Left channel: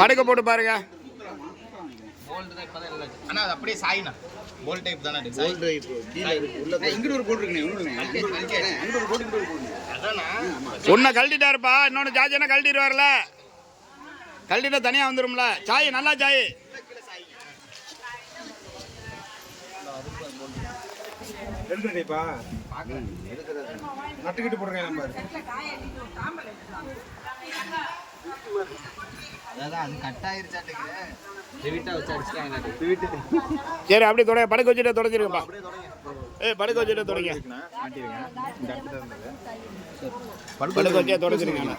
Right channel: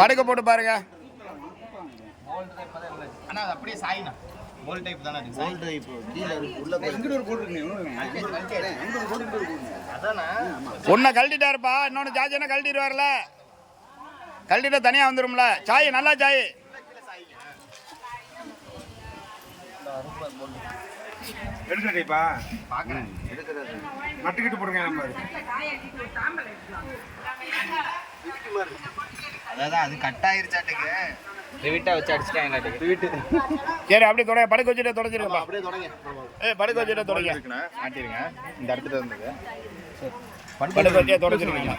படுக்க போட்டு பாருங்க. அப்படியே சாயினா போல் டைப் தானே. போல் டைப் கீழ இருக்கு. உள்ள இங்க ஒரு போட் இருக்குனே. அங்க ஒரு போட் இங்க ஒரு போட். அதானா ஒண்ண கழட்டிட்டாருப்பா. இன்னொன்னு ஜாஜனா கழட்டிடுவார்ல. கழட்டிட்டா தனியா வந்துரும்ல. சாய் நல்லா சாய். கீழ சாயிங்க. அரும்பா போல். எடுக்கறேப்பா. பாக்குறேன். எடுக்கறது. நட்டுக்கிட்டு போடுங்க நம்ம. அதான் அது கட் ஆயிருச்சாட்டுக்கு. ரிவிட்டா வச்சு அடிச்சிட்டாங்களாட்டுக்கு. ரிவிட். சரி அப்படியே தொடங்க. படுக்க வச்சுட்டு தொடச்சிருங்கப்பா. படுக்க வச்சுட்டு தொடங்க. மாட்டிருங்க. இந்த இடத்துல இருந்தது. படுக்க வச்சே தொடச்சிருங்க.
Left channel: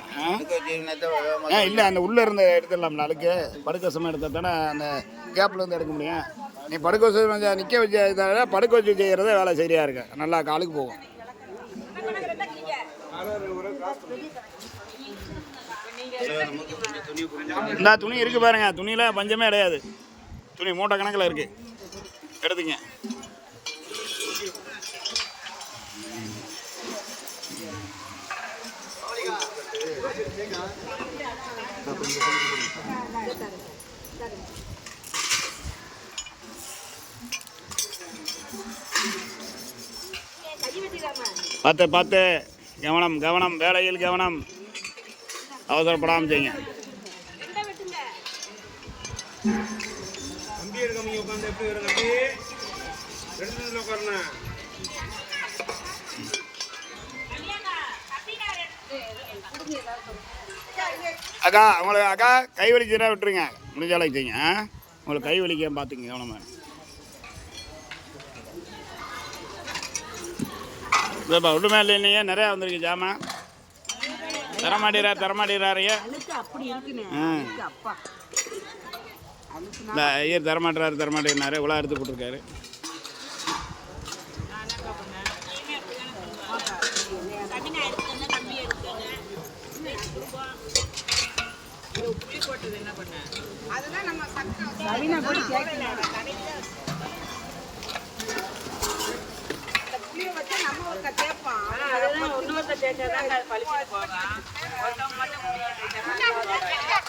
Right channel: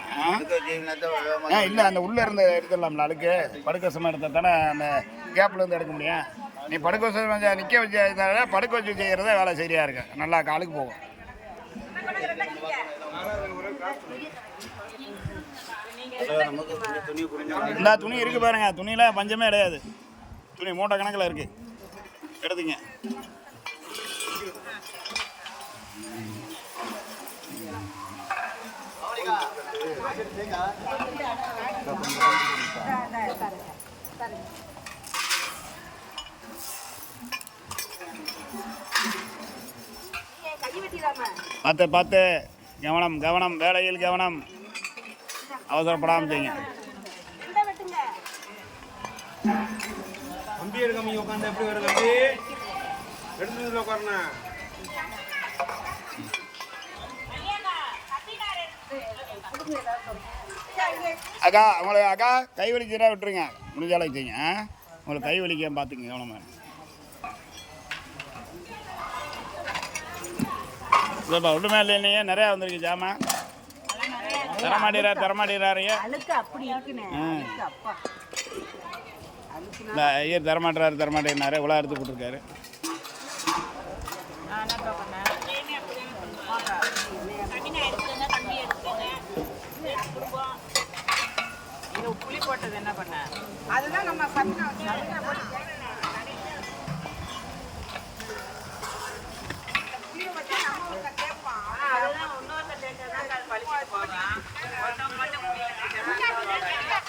இல்ல அந்த உள்ள இருந்து எடுத்துடலாம்ல அழுக்கு. படுக்க சும்மா எடுத்தா தானே அந்த கேப்ல இருந்து எடுக்க முடியும். நீ படுக்க வச்சு நிற்க வச்சு படுக்க வச்சு செய்கிறத வேலை சரியா இருக்கு. நல்லா காலுக்கு போகும். இந்த துணி இருக்கு பாருங்க. துணியில பஞ்சமே கிடையாது. துணி மூட்டை கணக்கில் இருக்கு. எடுத்துங்க. பார்த்து பார்த்து கவனம் கவனம். வேலையில் கவனம். அவசரப்படாமல் செய்யுங்க. அக்கா உங்களுக்கு அக்கா கை வலிச்சுனா விட்டுருங்க. முடிஞ்ச அளவுக்கு செய்யுங்க. உங்களுக்கு கை வலிக்க பார்த்துங்க கவனமாக. இல்லைப்பா ஒன்றுமே இல்லை. இல்லைங்க நிறையா வந்திருக்கு ஜாமான். தரமாட்டேறாரு. ஐயர் தரமாட்டேறாரு. இவ்வளோ எடுத்து போட்டிருக்காரு.